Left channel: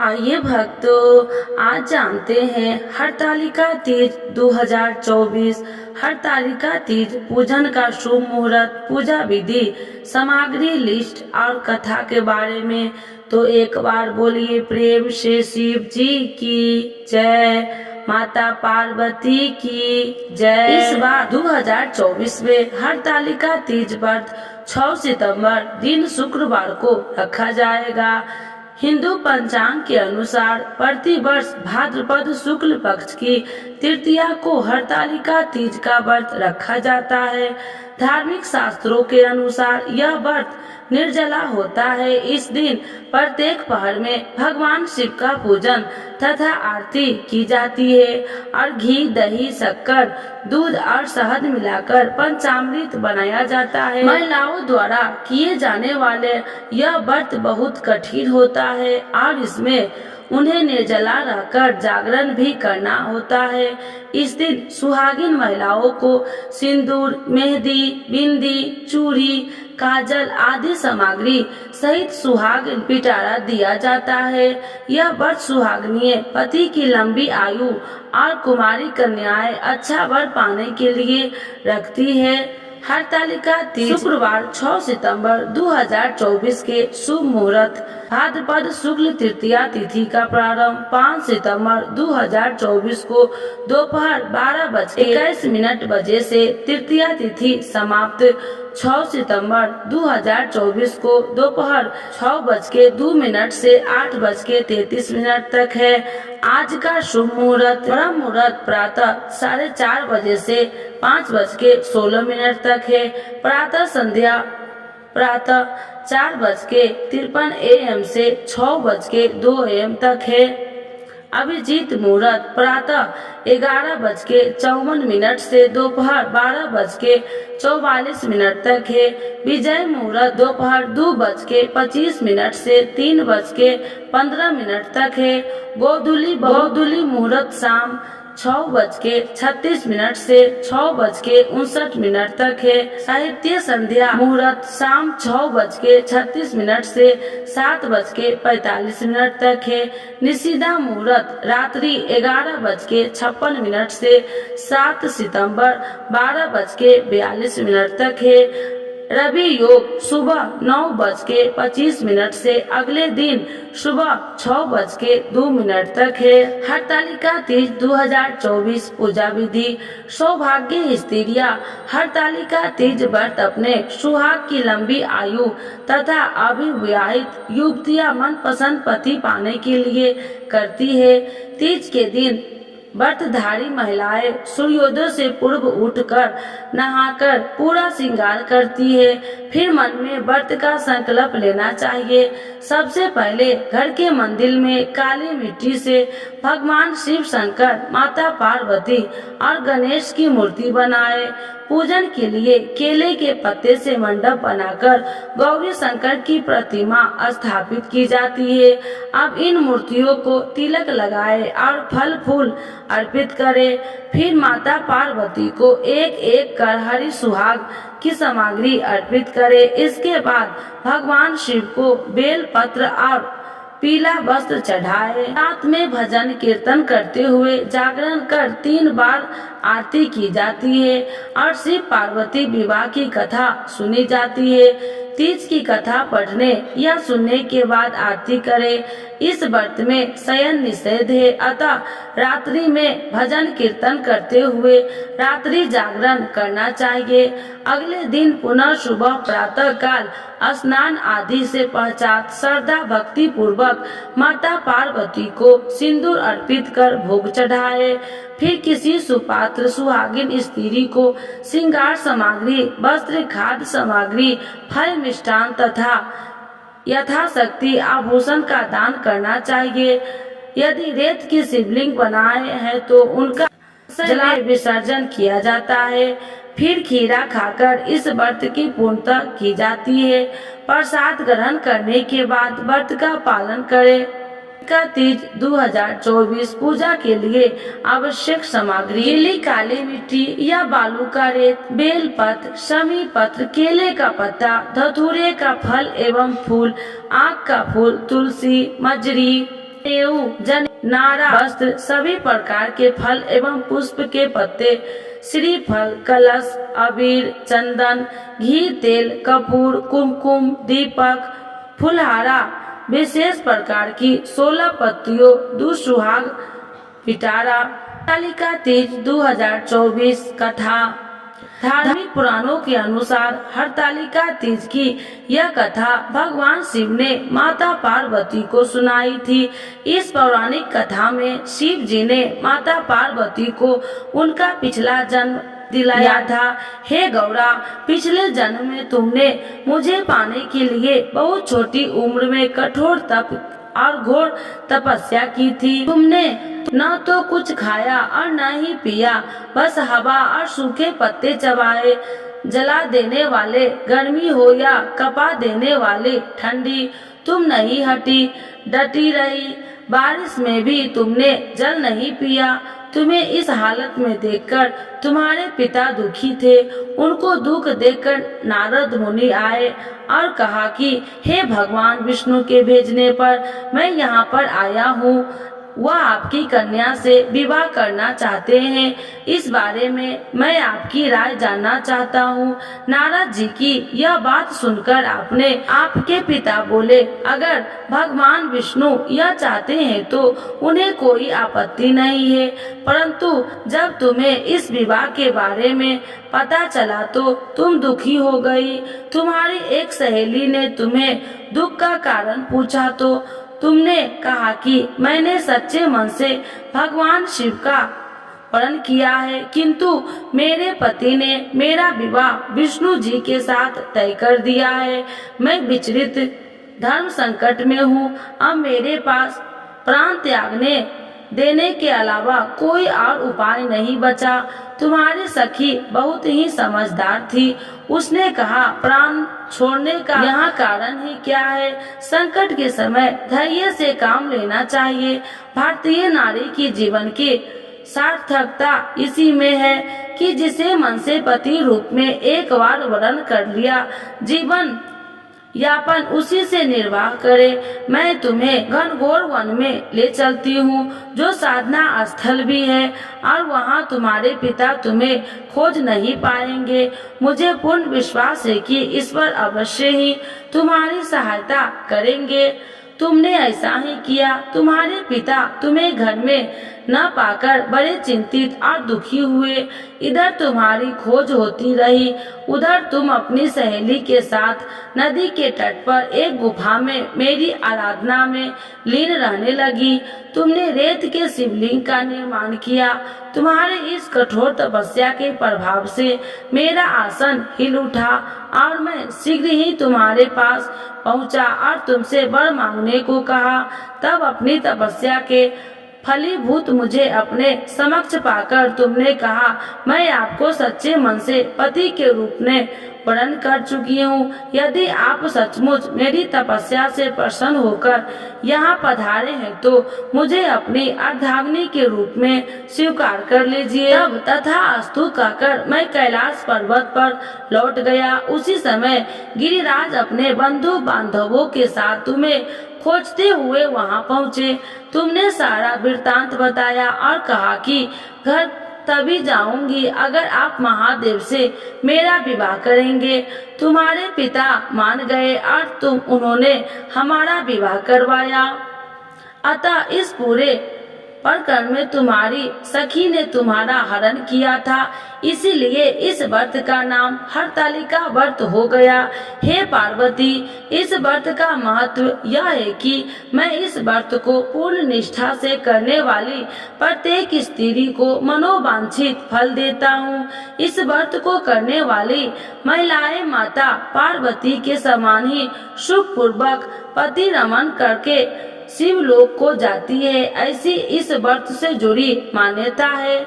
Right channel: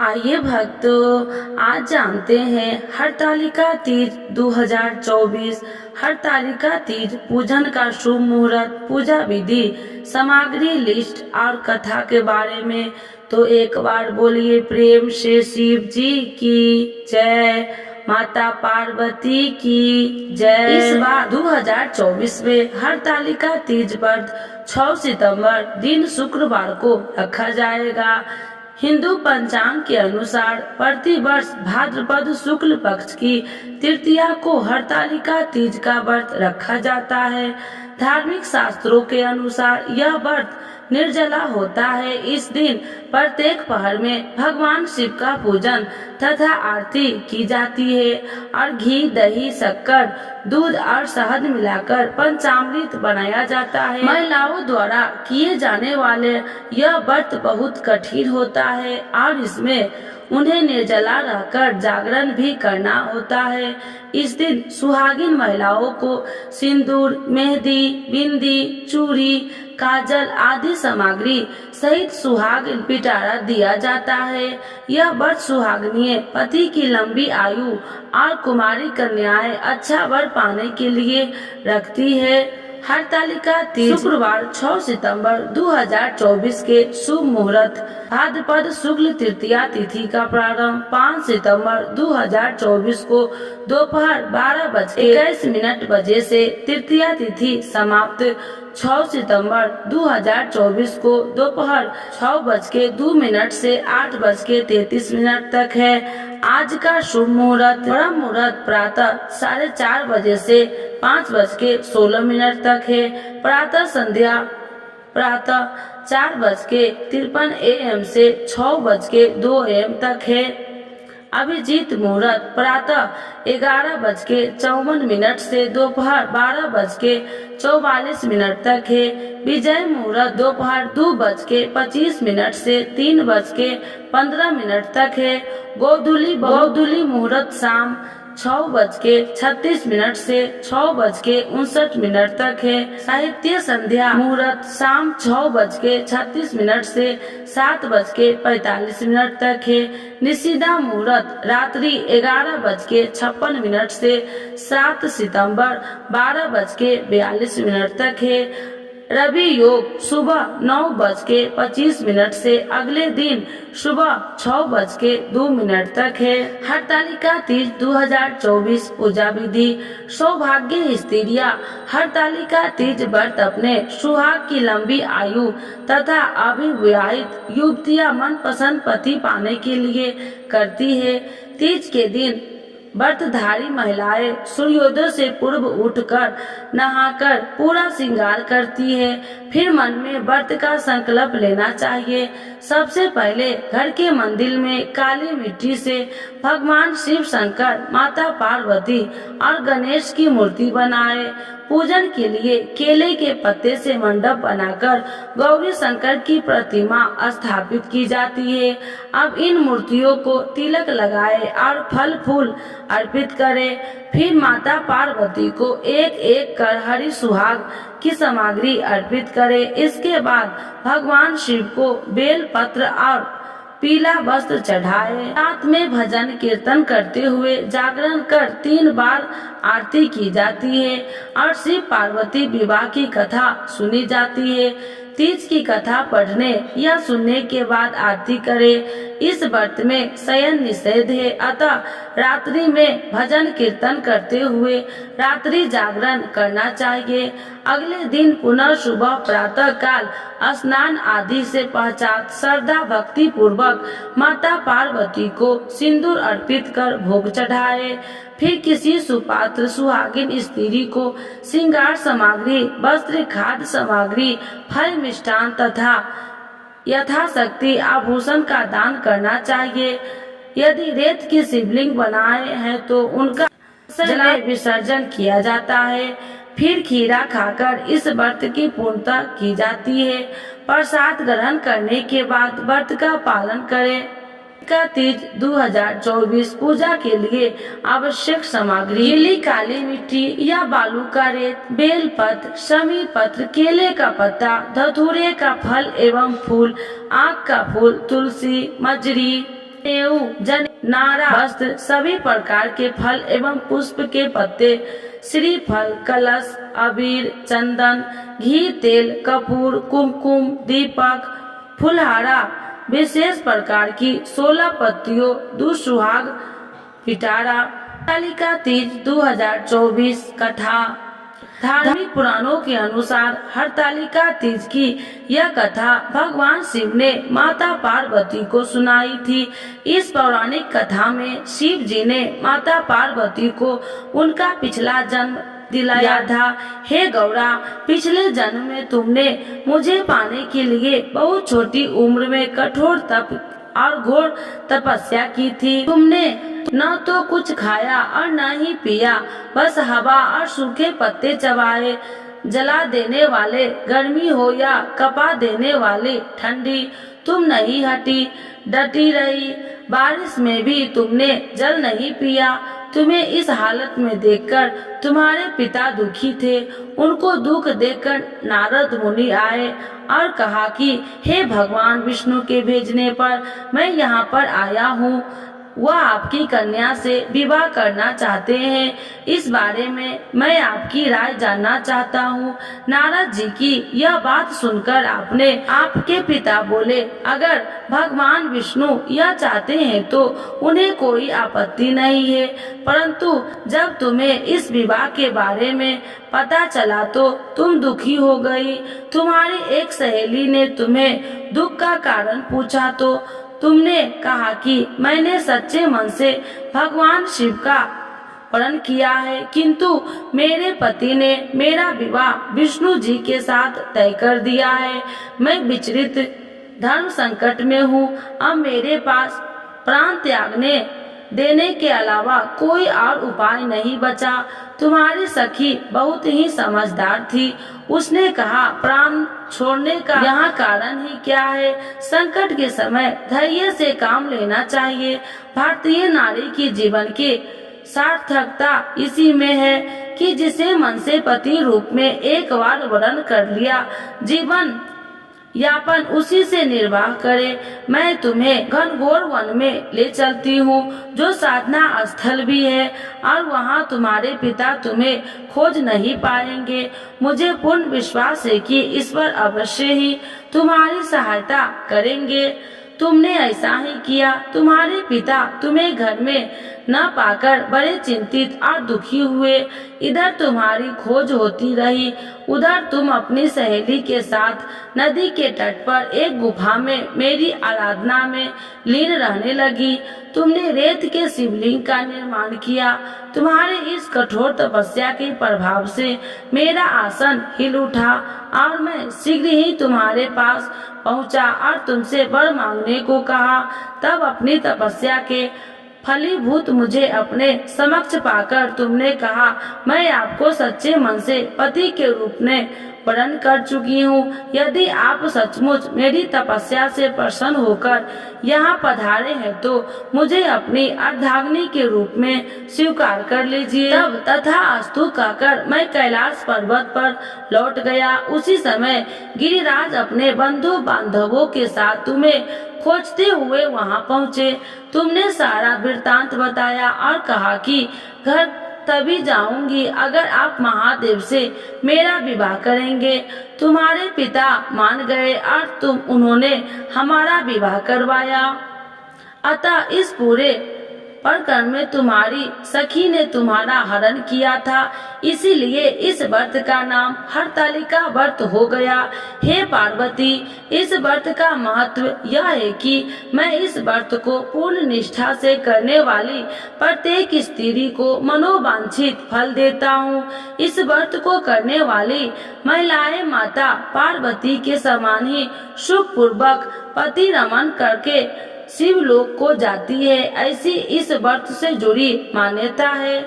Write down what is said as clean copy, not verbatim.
आइए भक्तों, आज जानते हैं हरतालिका तीज 2024। हरतालिका तीज पूजन का शुभ मुहूर्त, पूजा विधि, सामग्री लिस्ट और कथा के बारे में। तो एक बार बोलिए प्रेम से शिव जी की जय, माता पार्वती की जय। इस बार 2024 में हरतालिका तीज व्रत 6 सितंबर दिन शुक्रवार को रखा जाएगा। हिंदू पंचांग के अनुसार प्रतिवर्ष भाद्रपद शुक्ल पक्ष की तृतीया को हरतालिका तीज का व्रत रखा जाता है। धार्मिक शास्त्रों के अनुसार यह व्रत निर्जला होता है। इस दिन प्रत्येक पहर में भगवान शिव का पूजन तथा आरती की जाती है और घी, दही, शक्कर, दूध और शहद मिलाकर पंचामृत बनाया जाता है। महिलाओं द्वारा किए जाने वाले यह व्रत बहुत कठिन होता है और इसमें उन्हें निर्जला रहकर जागरण भी करना होता है। इस दिन सुहागिन महिलाओं को सिंदूर, मेहंदी, बिंदी, चूड़ी, काजल आदि सामग्री सहित सुहाग पिटारा दिया जाता है। यह व्रत सुहागनीय पति की लंबी आयु और कुमारी कन्याएं अच्छा वर पाने के लिए रखती है। हरतालिका तीज शुक्रवार 6 सितंबर 2024 के शुभ मुहूर्त। भाद्रपद शुक्ल तृतीया तिथि का प्रारंभ 5 सितंबर 2024 को दोपहर 12:21 बजे से तृतीया तिथि समाप्त 6 सितंबर 2024 को दोपहर 6:02 से 8:33 तक है। आज का शुभ मुहूर्त ब्रह्म मुहूर्त प्रातः 4:30 बजे से 5:16 तक है। प्रातः संध्या प्रातः 4:53 AM से 6:02 AM तक है। अभिजीत मुहूर्त प्रातः 11:54 से दोपहर 12:44 तक है। विजय मुहूर्त दोपहर 2:25 से 3:15 तक है। गोधूली मुहूर्त शाम 6:36 से 6:59 तक है। साहित्य संध्या मुहूर्त शाम 6:36 से 7:45 तक है। निषिदा मुहूर्त रात्रि 11:56 से 7 सितंबर 12:42 तक है। रवि योग सुबह 9:25 से अगले दिन सुबह 6:02 तक है। हरतालिका तीज 2024 पूजा विधि। सौभाग्य स्त्रियां हरतालिका तीज व्रत अपने सुहाग की लंबी आयु तथा अविवाहित युवतियां मनपसंद पति पाने के लिए करती है। तीज के दिन व्रतधारी महिलाएं सूर्योदय से पूर्व उठकर नहाकर पूरा श्रृंगार करती है। फिर मन में व्रत का संकल्प लेना चाहिए। सबसे पहले घर के मंदिर में काली मिट्टी से भगवान शिव शंकर, माता पार्वती और गणेश की मूर्ति बनाए। पूजन के लिए केले के पत्ते से मंडप बनाकर गौरी शंकर की प्रतिमा स्थापित की जाती है। अब इन मूर्तियों को तिलक लगाए और फल फूल अर्पित करें। फिर माता पार्वती को एक एक कर हरी सुहाग की सामग्री अर्पित करें। इसके बाद भगवान शिव को बेल पत्र और पीला वस्त्र चढ़ाए। रात में भजन कीर्तन करते हुए जागरण कर 3 बार आरती की जाती है और शिव पार्वती विवाह की कथा सुनी जाती है। तीज की कथा पढ़ने या सुनने के बाद आरती करें। इस व्रत में शयन निषेध है, अतः रात्रि में भजन कीर्तन करते हुए रात्रि जागरण करना चाहिए। अगले दिन पुनः सुबह प्रातः काल स्नान आदि से पश्चात श्रद्धा भक्ति पूर्वक माता पार्वती को सिंदूर अर्पित कर भोग चढ़ाए। फिर किसी सुपात्र सुहागिन स्त्री को श्रृंगार सामग्री, वस्त्र, खाद्य सामग्री, फल, मिष्टान तथा यथाशक्ति आभूषण का दान करना चाहिए। यदि रेत की शिवलिंग बनाए हैं तो उनका जला विसर्जन किया जाता है। फिर खीरा खाकर इस व्रत की पूर्णता की जाती है। प्रसाद ग्रहण करने के बाद व्रत का पालन करें। का तीज 2024 पूजा के लिए आवश्यक सामग्री गीली काली मिट्टी या बालू का रेत, बेल पत्र, शमी पत्र, केले का पत्ता, धतूरे का फल एवं फूल, आक का फूल, तुलसी, मजरी, जन नारा वस्त्र सभी प्रकार के फल एवं पुष्प के पत्ते श्रीफल कलश अबीर चंदन घी तेल कपूर कुमकुम दीपक फुलहारा विशेष प्रकार की 16 पत्तियों दुसुहाग पिटारा। हरतालिका तीज 2024 कथा। धार्मिक पुराणों के अनुसार हरतालिका तीज की यह कथा भगवान शिव ने माता पार्वती को सुनाई थी। इस पौराणिक कथा में शिव जी ने माता पार्वती को उनका पिछला जन्म दिलाया था। हे गौरा, पिछले जन्म में तुमने मुझे पाने के लिए बहुत छोटी उम्र में कठोर तप और घोर तपस्या की थी। तुमने न तो कुछ खाया और न ही पिया, बस हवा और सूखे पत्ते चबाए। जला देने वाले गर्मी हो या कपा देने वाली ठंडी, तुम नहीं हटी, डटी रही। बारिश में भी तुमने जल नहीं पिया। तुम्हें इस हालत में देखकर तुम्हारे पिता दुखी थे। उनको दुख देखकर नारद मुनि आए और कहा कि हे भगवान विष्णु के भेजने पर मैं यहाँ पर आया हूँ। वह आपकी कन्या से विवाह करना चाहते हैं। इस बारे में मैं आपकी राय जानना चाहता हूँ। नारद जी की यह बात सुनकर आपके पिता बोले, अगर भगवान विष्णु यह चाहते हैं तो उन्हें कोई आपत्ति नहीं है, परंतु जब तुम्हें इस विवाह के बारे में पता चला तो तुम दुखी हो गई। तुम्हारी एक सहेली ने तुम्हें दुख का कारण पूछा तो तुमने कहा कि मैंने सच्चे मन से भगवान शिव का प्रण किया है, किंतु मेरे पति ने मेरा विवाह विष्णु जी के साथ तय कर दिया है। मैं विचलित धर्म संकट में हूँ। अब मेरे पास प्राण त्यागने देने के अलावा कोई और उपाय नहीं बचा। तुम्हारी सखी बहुत ही समझदार थी। उसने कहा, प्राण छोड़ने का यहाँ कारण ही क्या है? संकट के समय धैर्य से काम लेना चाहिए। भारतीय नारी की जीवन की सार्थकता इसी में है कि जिसे मन से पति रूप में एक बार वर्ण कर लिया, जीवन यापन उसी से निर्वाह करे। मैं तुम्हें घनघोर वन में ले चलती हूँ, जो साधना स्थल भी है, और वहाँ तुम्हारे पिता तुम्हें खोज नहीं पाएंगे। मुझे पूर्ण विश्वास है कि ईश्वर अवश्य ही तुम्हारी सहायता करेंगे। तुमने ऐसा ही किया। तुम्हारे पिता तुम्हें घर में न पाकर बड़े चिंतित और दुखी हुए। इधर तुम्हारी खोज होती रही, उधर तुम अपनी सहेली के साथ नदी के तट पर एक गुफा में मेरी आराधना में लीन रहने लगी। तुमने रेत के शिवलिंग का निर्माण किया। तुम्हारे इस कठोर तपस्या के प्रभाव से मेरा आसन हिल उठा और मैं शीघ्र ही तुम्हारे पास पहुंचा और तुमसे वर मांगने को कहा। तब अपनी तपस्या के फलीभूत मुझे अपने समक्ष पाकर तुमने कहा, मैं आपको सच्चे मन से पति के रूप में वर्ण कर चुकी हूँ। यदि आप सचमुच मेरी तपस्या से प्रसन्न होकर यहाँ पधारे हैं तो मुझे अपनी अर्धांगिनी के रूप में स्वीकार कर लीजिए। तब तथास्तु कहकर मैं कैलाश पर्वत पर लौट गया। उसी समय गिरिराज अपने बंधु बांधवों के साथ तुम्हें खोजते हुए वहाँ पहुँचे। तुमने सारा वृत्तांत बताया और कहा कि घर तभी जाऊंगी अगर आप महादेव से मेरा विवाह करेंगे। तुम्हारे पिता मान गए और उन्होंने हमारा विवाह करवाया। अतः इस पूरे प्रकरण में तुम्हारी सखी ने तुम्हारा हरण किया था, इसीलिए इस व्रत का नाम हरतालिका व्रत हो गया। हे पार्वती, इस व्रत का महत्व यह है कि मैं इस व्रत को पूर्ण निष्ठा से करने वाली प्रत्येक स्त्री को मनोवांछित फल देता हूँ। इस व्रत को करने वाली महिलाएं माता पार्वती के समान ही सुख पूर्वक पति रमन करके शिवलोक को जाती है। ऐसी इस व्रत से जुड़ी मान्यता है।